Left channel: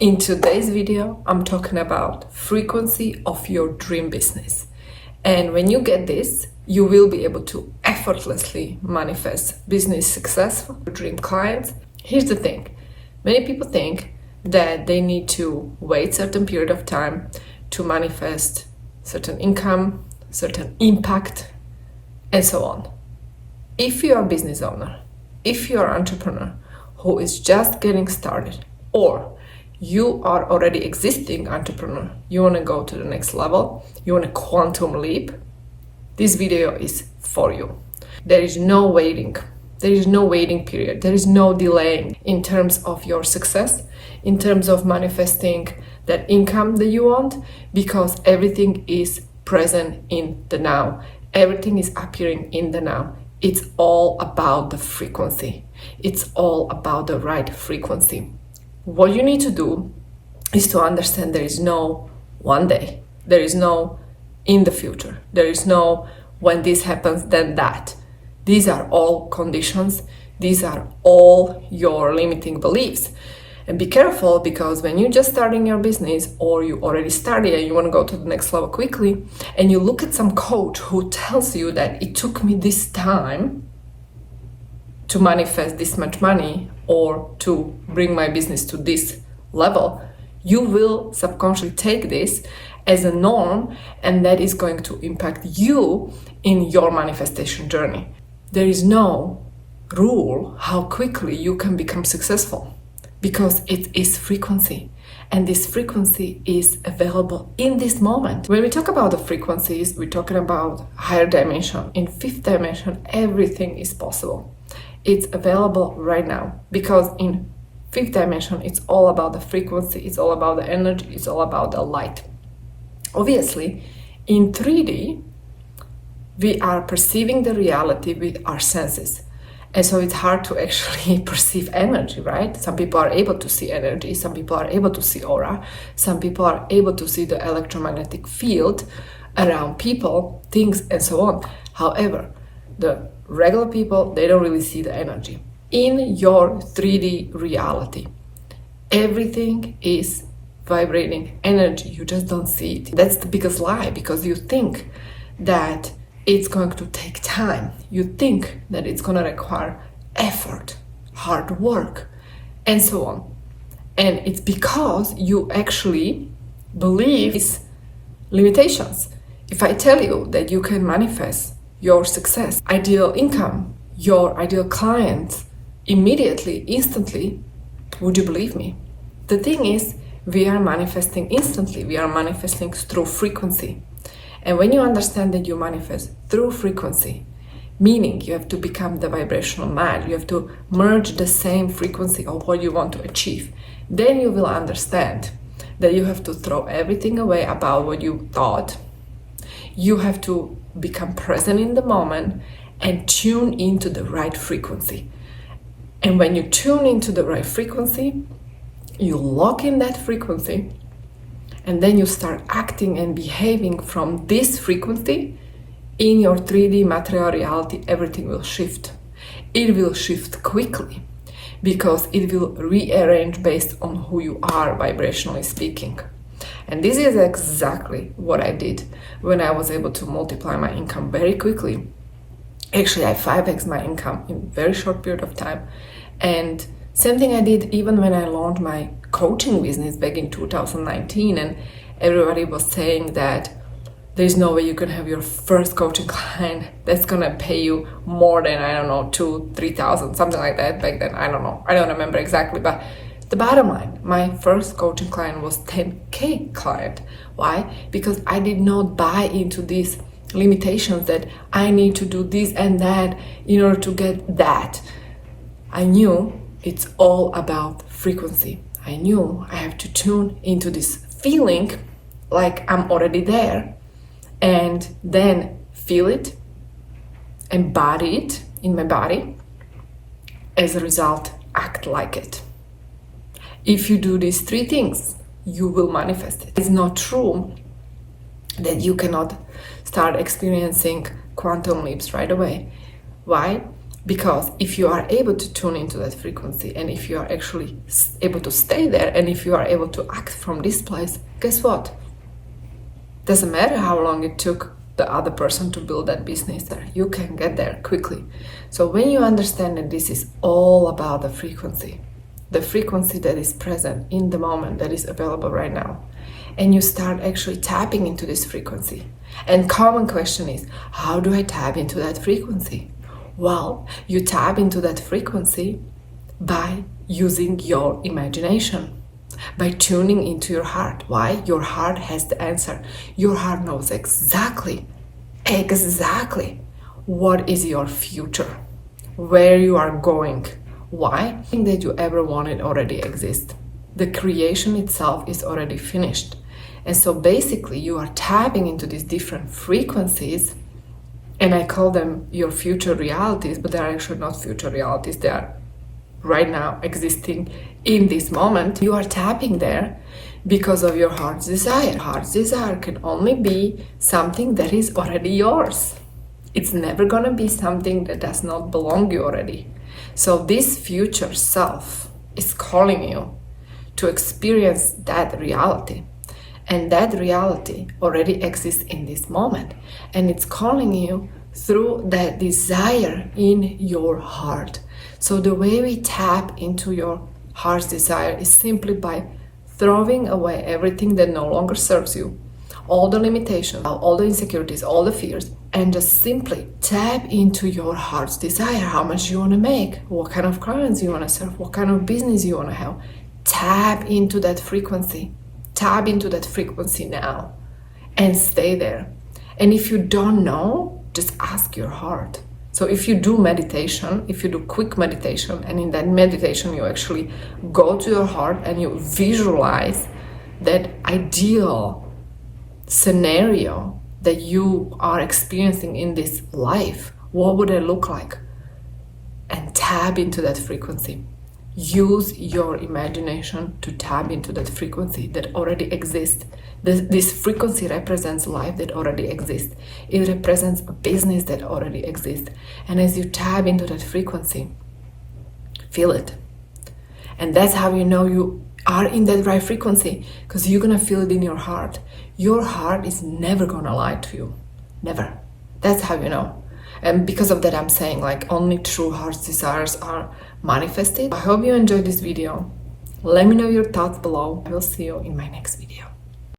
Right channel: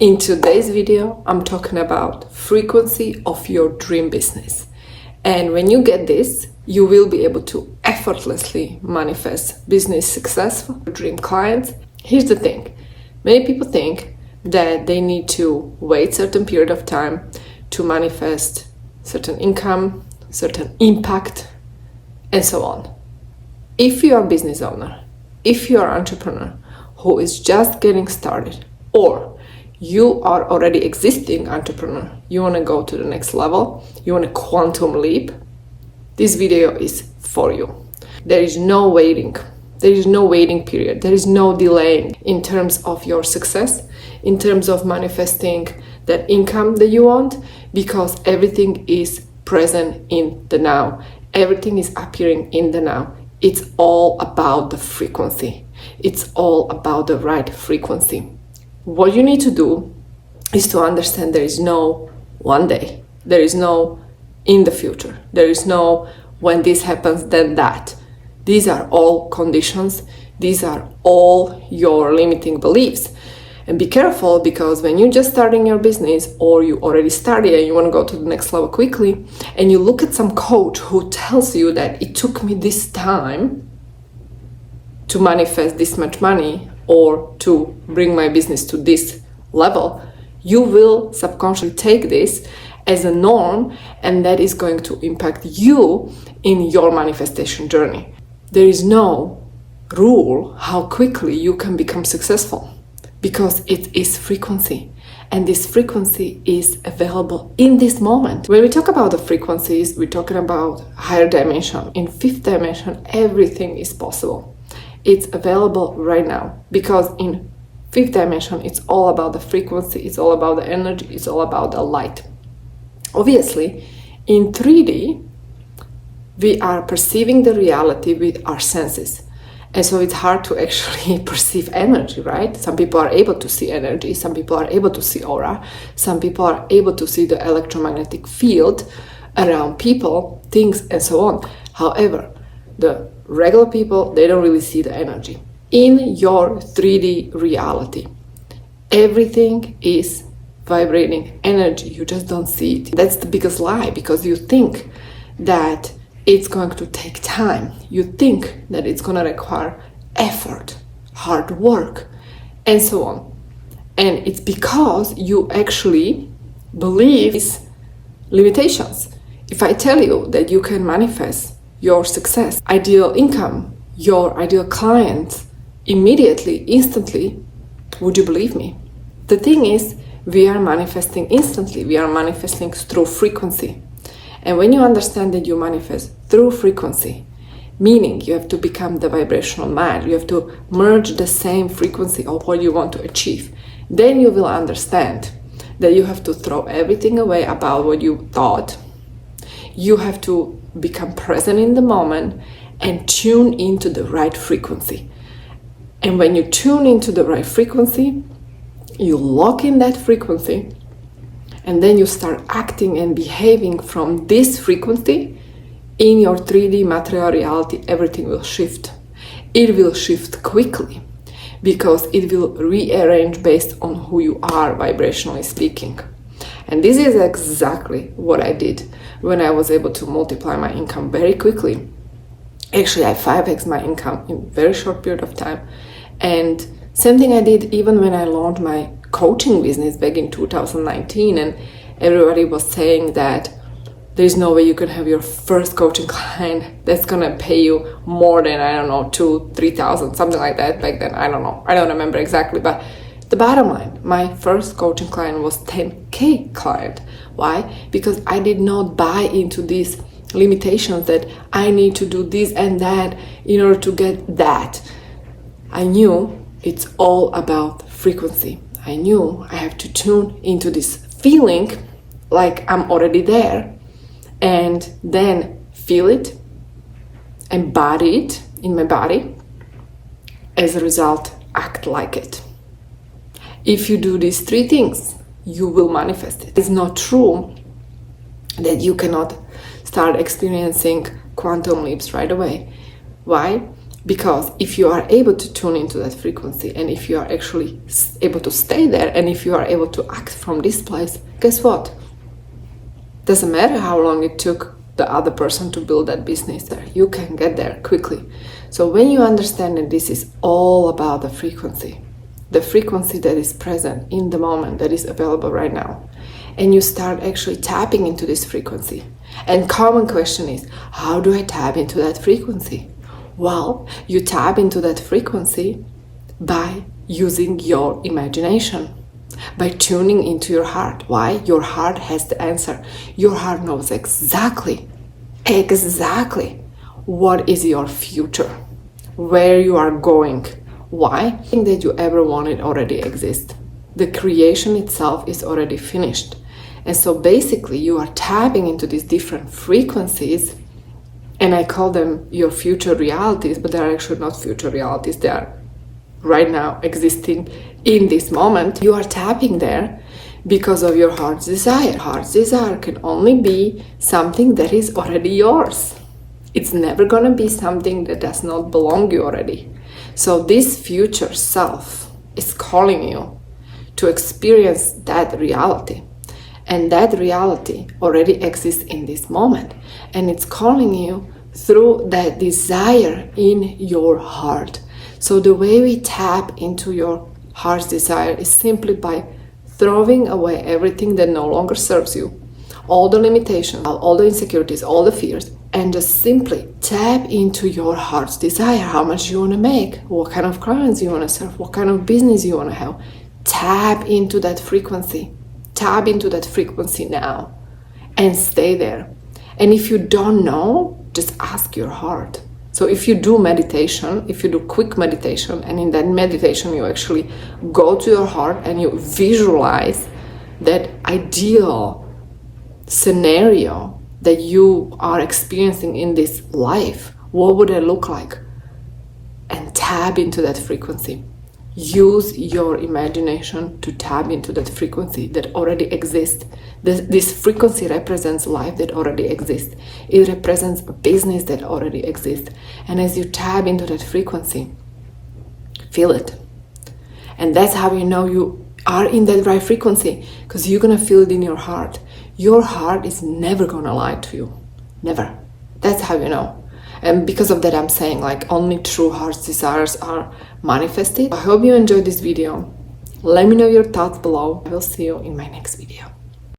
In today's video, I'm talking about frequency of your dream business. And when you get this, you will be able to effortlessly manifest business success for dream clients. Here's the thing. Many people think that they need to wait a certain period of time to manifest certain income, certain impact, and so on. If you are a business owner, if you are an entrepreneur who is just getting started, or you are already existing entrepreneur, you want to go to the next level, you want a quantum leap, this video is for you. There is no waiting. There is no waiting period. There is no delaying in terms of your success, in terms of manifesting that income that you want, because everything is present in the now. Everything is appearing in the now. It's all about the frequency. It's all about the right frequency. What you need to do is to understand there is no one day. There is no in the future. There is no when this happens, then that. These are all conditions. These are all your limiting beliefs. And be careful, because when you're just starting your business, or you already started and you want to go to the next level quickly, and you look at some coach who tells you that it took me this time to manifest this much money or to bring my business to this level, you will subconsciously take this as a norm, and that is going to impact you in your manifestation journey. There is no rule how quickly you can become successful, because it is frequency, and this frequency is available in this moment. When we talk about the frequencies, we're talking about higher dimension. In fifth dimension, everything is possible. It's available right now, because in fifth dimension, it's all about the frequency, it's all about the energy, it's all about the light. Obviously, in 3D, we are perceiving the reality with our senses. And so it's hard to actually perceive energy, right? Some people are able to see energy, some people are able to see aura, some people are able to see the electromagnetic field around people, things, and so on. However, the regular people, they don't really see the energy. In your 3D reality, everything is vibrating energy. You just don't see it. That's the biggest lie, because you think that it's going to take time. You think that it's going to require effort, hard work, and so on. And it's because you actually believe these limitations. If I tell you that you can manifest your success, ideal income, your ideal client immediately, instantly, would you believe me? The thing is, we are manifesting instantly. We are manifesting through frequency. And when you understand that you manifest through frequency, meaning you have to become the vibrational match, you have to merge the same frequency of what you want to achieve, then you will understand that you have to throw everything away about what you thought. You have to become present in the moment and tune into the right frequency. And when you tune into the right frequency, you lock in that frequency, and then you start acting and behaving from this frequency. In your 3D material reality, everything will shift. It will shift quickly, because it will rearrange based on who you are, vibrationally speaking. And this is exactly what I did when I was able to multiply my income very quickly. Actually, I 5x my income in a very short period of time. And same thing I did even when I launched my coaching business back in 2019, and everybody was saying that there's no way you can have your first coaching client that's gonna pay you more than, I don't know, 2,000-3,000, something like that back then. I don't know, I don't remember exactly, but the bottom line, my first coaching client was 10K client. Why? Because I did not buy into these limitations that I need to do this and that in order to get that. I knew it's all about frequency. I knew I have to tune into this feeling like I'm already there, and then feel it, embody it in my body. As a result, act like it. If you do these three things, you will manifest it. It's not true that you cannot start experiencing quantum leaps right away. Why? Because if you are able to tune into that frequency, and if you are actually able to stay there, and if you are able to act from this place, guess what? Doesn't matter how long it took the other person to build that business there. You can get there quickly. So when you understand that this is all about the frequency that is present in the moment, that is available right now, and you start actually tapping into this frequency. And common question is, how do I tap into that frequency? Well, you tap into that frequency by using your imagination, by tuning into your heart. Why? Your heart has the answer. Your heart knows exactly what is your future, where you are going. Why? Everything that you ever wanted already exists. The creation itself is already finished. And so basically you are tapping into these different frequencies, and I call them your future realities, but they are actually not future realities. They are right now existing in this moment. You are tapping there because of your heart's desire. Heart's desire can only be something that is already yours. It's never going to be something that does not belong to you already. So this future self is calling you to experience that reality. And that reality already exists in this moment. And it's calling you through that desire in your heart. So the way we tap into your heart's desire is simply by throwing away everything that no longer serves you, all the limitations, all the insecurities, all the fears, and just simply tap into your heart's desire. How much you want to make, what kind of clients you want to serve, what kind of business you want to have. Tap into that frequency. Tap into that frequency now and stay there. And if you don't know, just ask your heart. So if you do meditation, if you do quick meditation, and in that meditation you actually go to your heart and you visualize that ideal scenario that you are experiencing in this life, what would it look like? And tap into that frequency. Use your imagination to tap into that frequency that already exists. This frequency represents life that already exists. It represents a business that already exists. And as you tap into that frequency, feel it. And that's how you know you are in that right frequency, because you're going to feel it in your heart. Your heart is never going to lie to you. Never. That's how you know. And because of that, I'm saying only true heart's desires are manifested. I hope you enjoyed this video. Let me know your thoughts below. I will see you in my next video.